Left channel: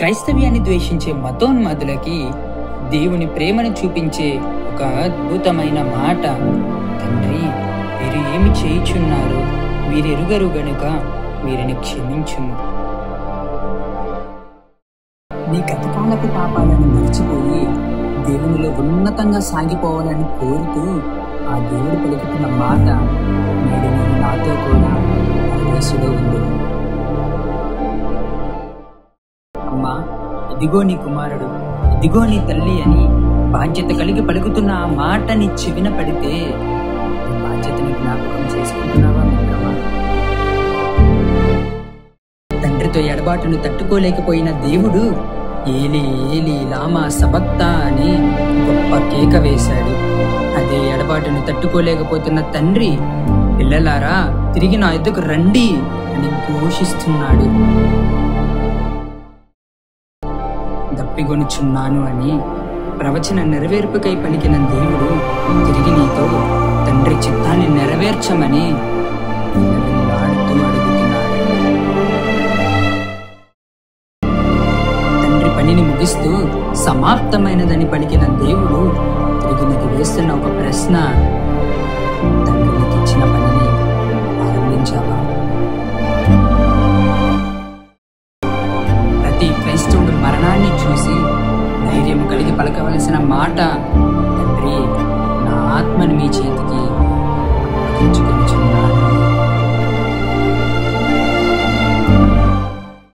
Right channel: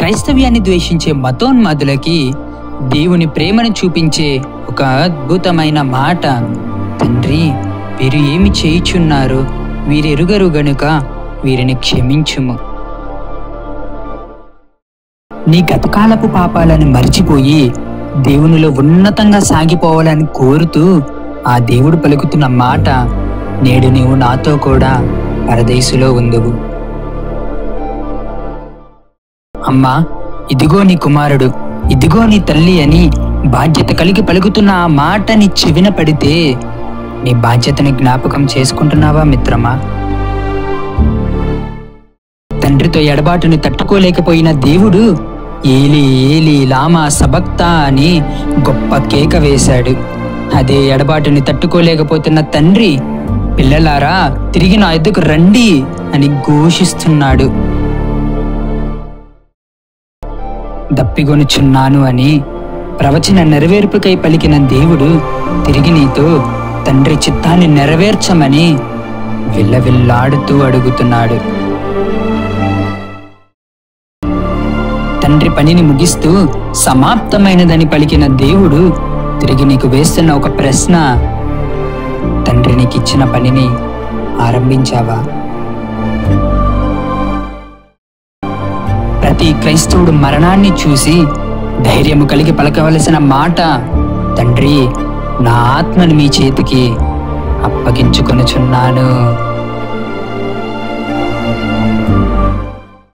క్రైస్తవ్యాన్ని ద్వేషించే మతోన్మాదులకి దేవుని ప్రేమను చూపించే ఒక అద్భుతమైన మాట. తండ్రి, వీరు ఏమి చేయుచున్నారు, వీరెరుగరు గనుక వీరిని క్షమించుము. నీ గతకాలపు పాపాలను మర్చిపోయి దేవునిలో ఉన్నతంగా సాగిపోవాలని కోరుతూ ఆ దేవుడు పలుకుతున్న మాట, నేడు నీవు నాతో కూడా పరదేశులో ఉందువు. అమ్మా, ఇదిగో నీ కుమారుడు, ఇదిగో నీ తల్లి అని బాధ్యత కలిగి పలుకుతున్న ఆ మాట నీ చెవిన పడితే నీ బాధ్యతని జ్ఞాపకం చేసుకుంటున్నావా మిత్రమా? తండ్రితో ఎడబాటును తట్టుకోలేకపోయిన దేవుడు ఏలి ఏలి లామా సబక్తా అని గొప్ప కేక వేశాడు. అదే ఎడబాటుని తట్టుకోలేకపోతున్న తండ్రి, పిల్లలారా తిరిగి నా ఎద్దుకు రండి అని ఘోషిస్తున్నాడు. దప్పిగొనుచున్నాను అని ప్రవచన నెరవేర్పుకై పలికిన దేవుడు తిరిగి నీతో తండ్రి చిత్తాన్ని నెరవేర్చమని విల్లవిల్లాడుతూ అడుగుతున్నాడు. తండ్రి పనిని ముగిస్తూ సమాప్తమైనదని పలికిన దేవుడు తిరిగి నీకు వేస్తున్న ఒక ప్రశ్న, తండ్రి నీకు ఇచ్చిన పనిని ఆరంభించావా? ప్రతి క్రైస్తవుడు మరణాన్ని చూసి ధైర్యము కలిగి పలకవలసిన మాట, తండ్రి, నా ఆత్మను మీ చేతికి అప్పగించుకొనుచున్నాను.